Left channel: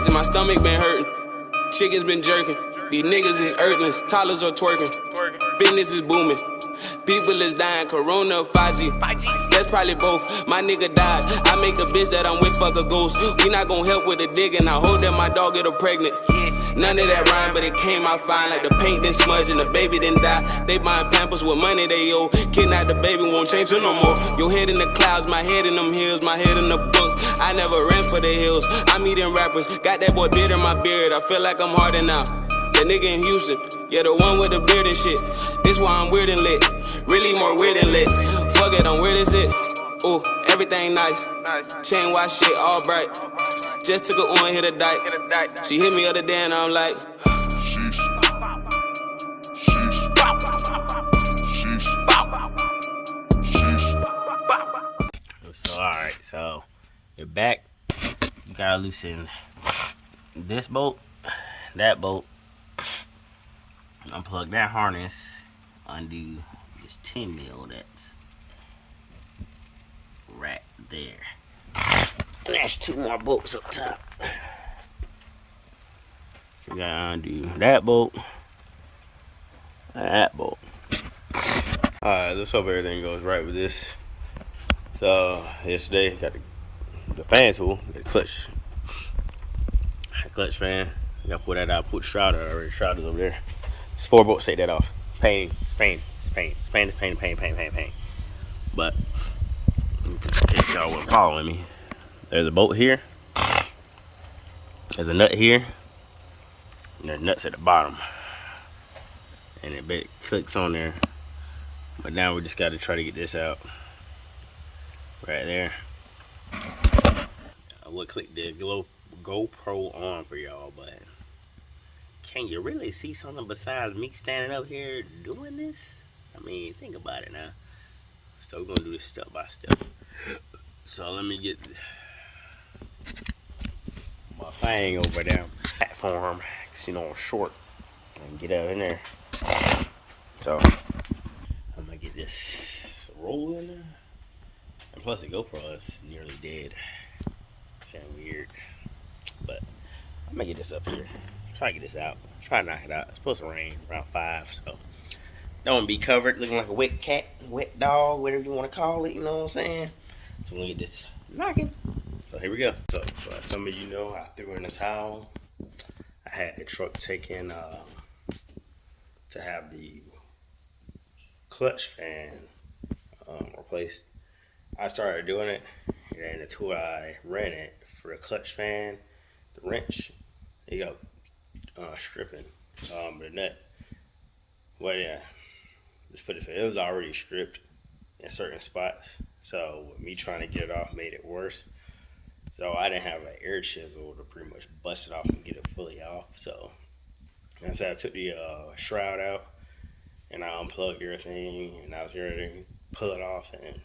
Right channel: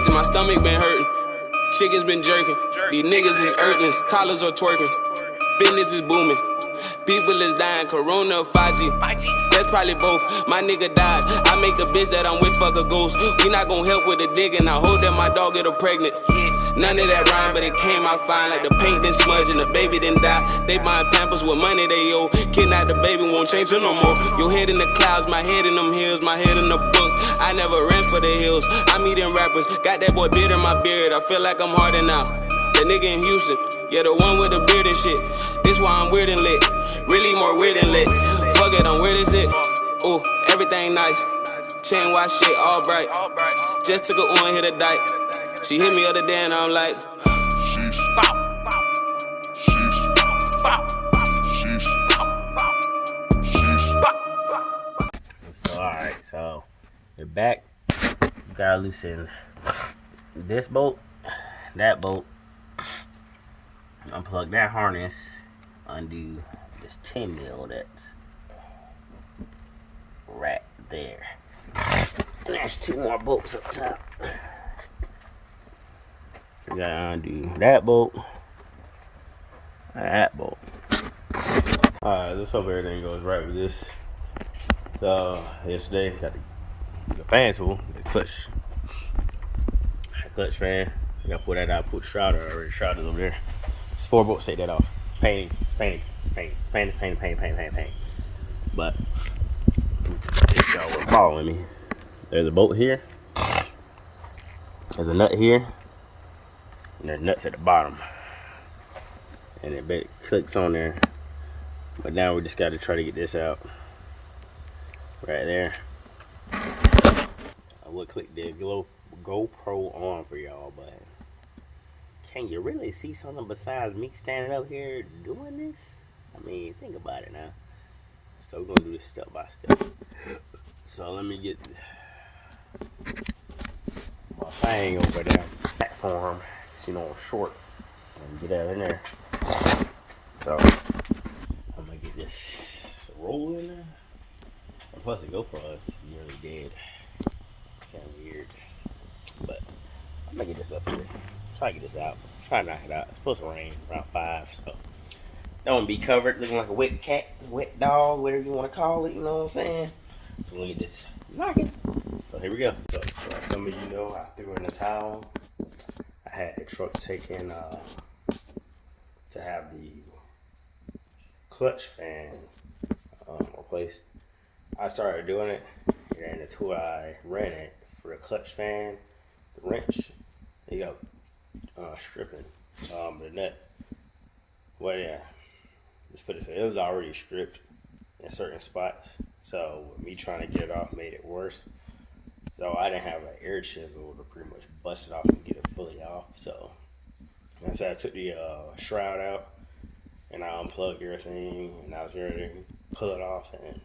gassy, my stomach been hurting. Chickens been jerking. These niggas is earthlings, toddlers are twerking. Business is booming. People is dying, Corona, 5G. That's probably both. My nigga died. I make the bitch that I'm with fuck a ghost. We not gon' help with the digging. I hope that my dog get her pregnant. None of that rhyme, but it came out fine. Like the paint didn't smudge and the baby didn't die. They buying Pampers with money they owe. Kidnap the baby, won't change it no more. Your head in the clouds, my head in them hills, my head in the books. I never ran for the hills. I'm eating rappers. Got that boy beard in my beard. I feel like I'm harder now. That nigga in Houston, yeah, the one with the beard and shit. This why I'm weird and lit. Really more weird than lit. Fuck it, I'm weird as it. Ooh, everything nice. Chain watch shit all bright. Just took a on, hit a dike. She hit me other day and I'm like, so alright, so you're back. You gotta loosen this bolt, that bolt, unplug that harness, undo this 10 mil that's right there. And there's 2 more bolts up top. You gotta undo that bolt and that bolt. Alright, let's hope everything goes right with this. So yesterday got the fan tool, the clutch fan. I gotta pull that out, put the shroud on already. Shroud is over there. It's 4 bolts, take that off. Paint. But if y'all wasn't following me, there's a bolt here, there's a nut here, and there's nuts at the bottom, and it clicks on there. But now we just got to try to get this out right there. I would click the GoPro on for y'all, but can you really see something besides me standing up here doing this? I mean, think about it now. So we're gonna do this step by step. So let me get my thing over there, platform, cause you know I'm short, and get out in there. So I'm gonna get this rolling. And plus the GoPro is nearly dead. Kinda weird. But I'm gonna get this up here. Try to get this out. Try to knock it out. It's supposed to rain around 5, so don't want to be covered looking like a wet cat, wet dog, whatever you want to call it, you know what I'm saying? So we're gonna get this knocking. So here we go. So some of you know I threw in the towel. I had the truck taken to have the clutch fan replaced. I started doing it, and the tool I rented for the clutch fan, the wrench, it got stripping the nut. Well, yeah, let's put it this way, it was already stripped in certain spots, so with me trying to get it off made it worse. So I didn't have an air chisel to pretty much bust it off and get it fully off. So I said I took the shroud out and I unplugged everything, and I was ready to pull it off, and it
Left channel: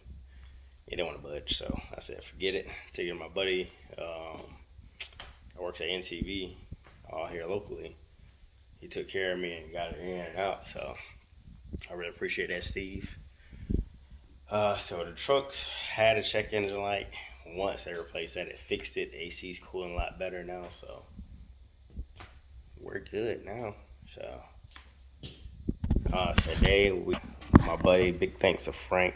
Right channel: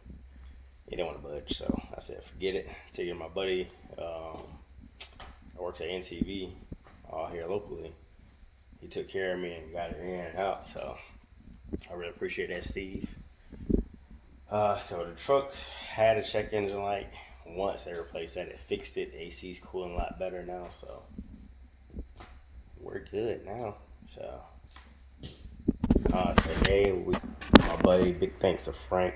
didn't want to budge. So I said forget it. Take it to my buddy that works at NCV here locally. He took care of me and got it in and out, so I really appreciate that, Steve. So the truck had a check engine light. Once they replaced that, it fixed it. The AC's cooling a lot better now, so we're good now. So today my buddy, big thanks to Frank.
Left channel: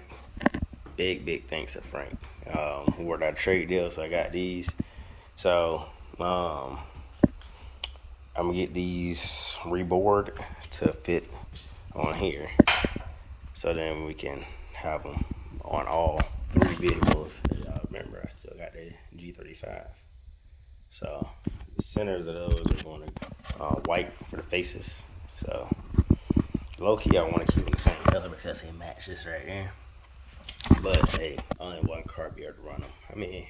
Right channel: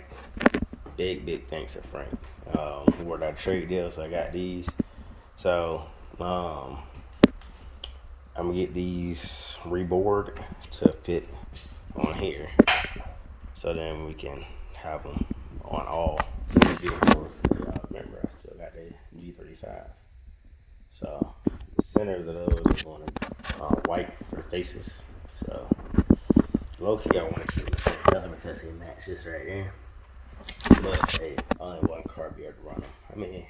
Big thanks to Frank. We worked out a trade deal, so I got these. So I'm gonna get these reboard to fit on here, so then we can have them on all 3 vehicles. Y'all remember, I still got the G35. So the centers of those are going to white for the faces. So low key, I want to keep them the same color because they match this right here. But hey, only one car be able to run them. I mean,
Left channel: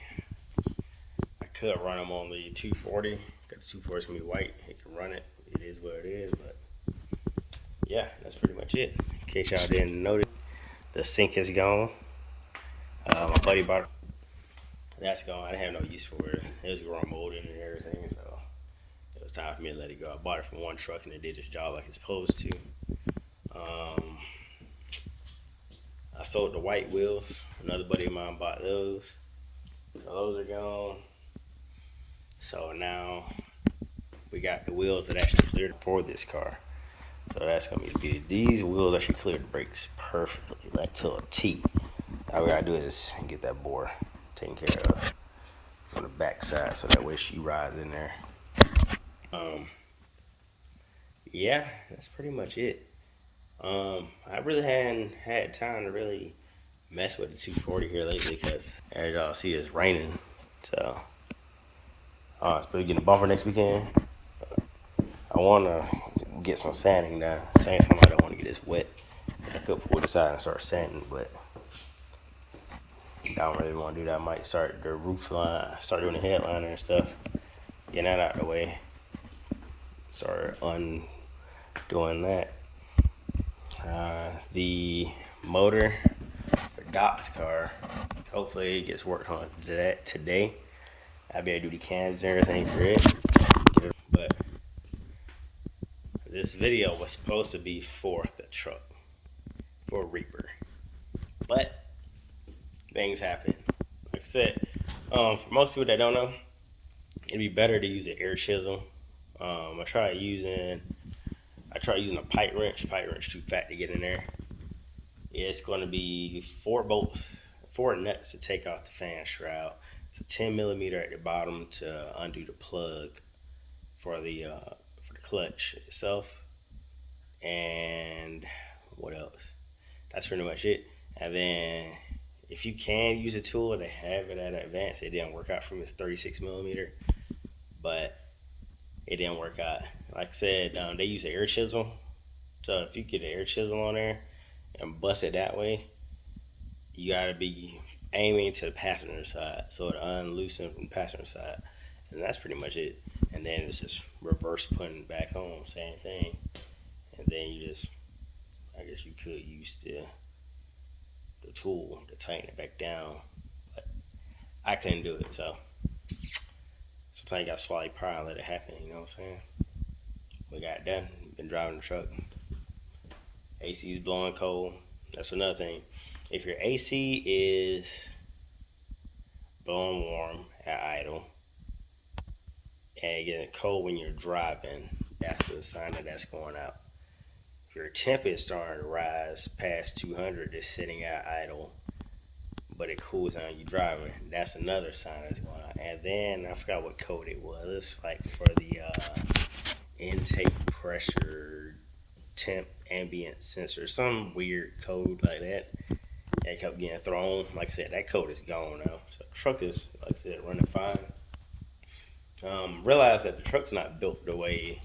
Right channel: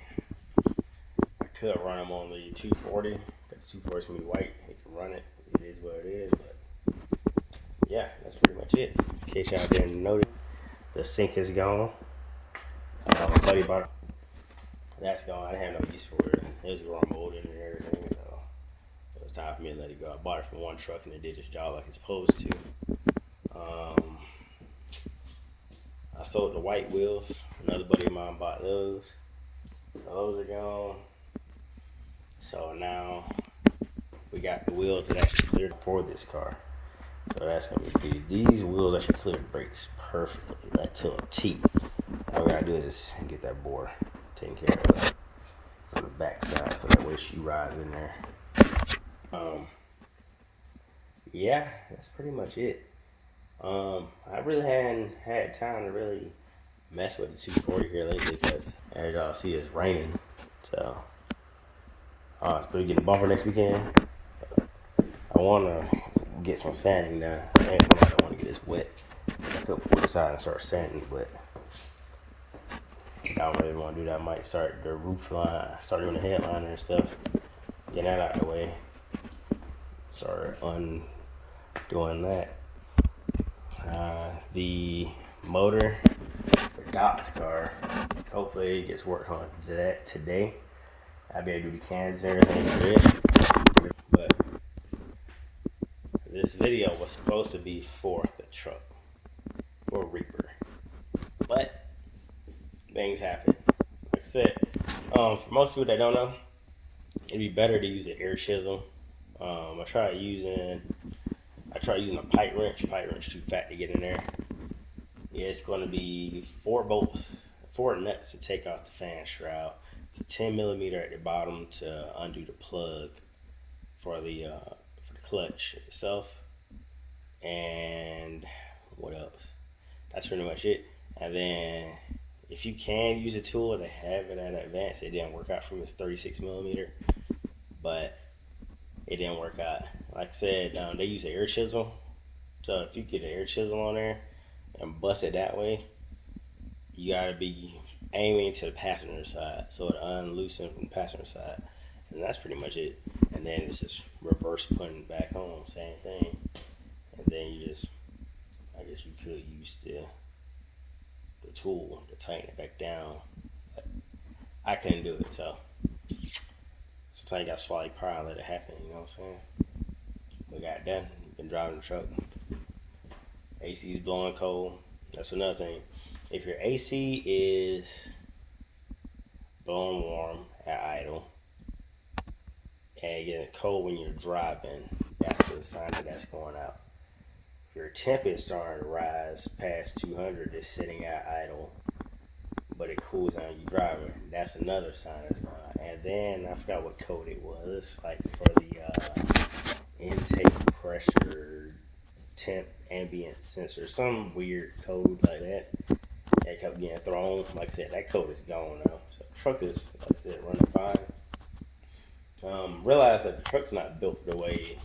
I could run them on the 240, but the 240 is gonna be white. It can run it. It is what it is. But yeah, that's pretty much it. In case y'all didn't notice, the sink is gone. My buddy bought it. That's gone. I didn't have no use for it. It was growing molded and everything, so it was time for me to let it go. I bought it from one truck and it did its job like it's supposed to. I sold the white wheels. Another buddy of mine bought those. So those are gone. So now we got the wheels that actually cleared for this car. So that's gonna be the beauty. These wheels actually cleared the brakes perfectly, like to a T. All we gotta do is get that bore taken care of from the back side, so that way she rides in there. Yeah, that's pretty much it. I really hadn't had time to really mess with the 240 here lately because as y'all see it's raining. So it's supposed to get a bumper next weekend. I wanna get some sanding done. Same time I don't wanna get this wet. I could pull this out and start sanding, but I don't really wanna do that. I might start the roof line, start doing the headliner and stuff. Get that out of the way. Start undoing that. The motor for Doc's car, hopefully it gets worked on today. I'll be able to do the cans and everything for it. But this video was supposed to be for the truck, for Reaper. But things happen. Like I said, for most people that don't know, it'd be better to use an air chisel. I tried using a pipe wrench. Pipe wrench too fat to get in there. Yeah, it's going to be 4 nuts to take off the fan shroud. It's a 10mm at the bottom to undo the plug for the clutch itself. And what else? That's pretty much it. And then if you can use a tool to have it at advanced, it didn't work out for me. It's 36mm, but it didn't work out. Like I said, they use an air chisel. So if you get an air chisel on there and bust it that way, you gotta be aiming to the passenger side, so it unloosen from the passenger side. And that's pretty much it. And then it's just reverse putting back on, same thing. And then you just, I guess you could use the tool to tighten it back down. But I couldn't do it, so sometimes you gotta swallow your pride and let it happen, you know what I'm saying? We got done. Been driving the truck. AC's blowing cold. That's another thing. If your AC is blowing warm at idle and getting cold when you're driving, that's a sign that that's going out. If your temp is starting to rise past 200, it's sitting at idle, but it cools down you driving, that's another sign that's going on. And then I forgot what code it was, like for the intake pressure temp ambient sensor, some weird code like that. It kept getting thrown. Like I said, that code is gone now. So the truck is, like I said, running fine. Realize that the truck's not built the way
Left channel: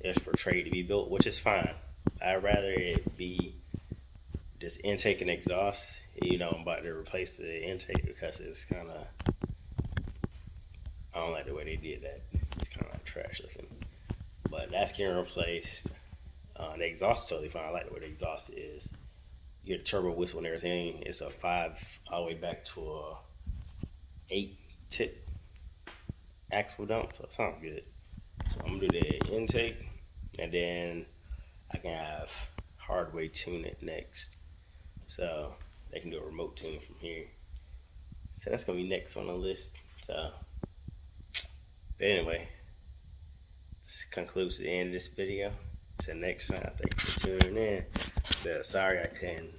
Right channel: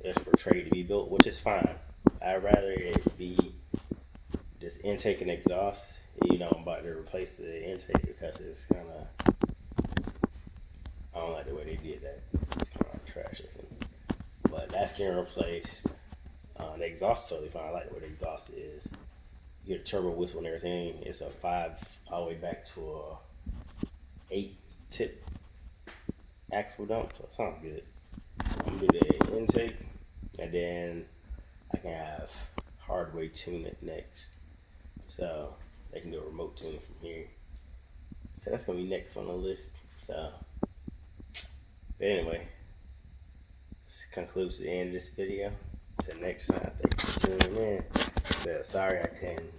it's portrayed to be built, which is fine. I'd rather it be just intake and exhaust. You know, I'm about to replace the intake because it's kind of, I don't like the way they did that. It's kind of like trash looking. But that's getting replaced. The exhaust is totally fine. I like the way the exhaust is. You get a turbo whistle and everything. It's a 5 all the way back to a 8 tip axle dump. So it sounds good. I'm gonna do the intake, and then I can have Hardway tune it next. So they can do a remote tune from here. So that's gonna be next on the list. So, but anyway, this concludes the end of this video. Till next time, thanks for tuning in. So, sorry I couldn't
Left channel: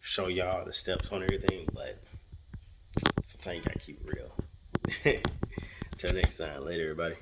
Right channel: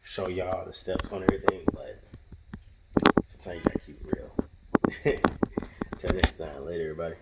show y'all the steps on everything, but sometimes you gotta keep it real. Till next time, later everybody.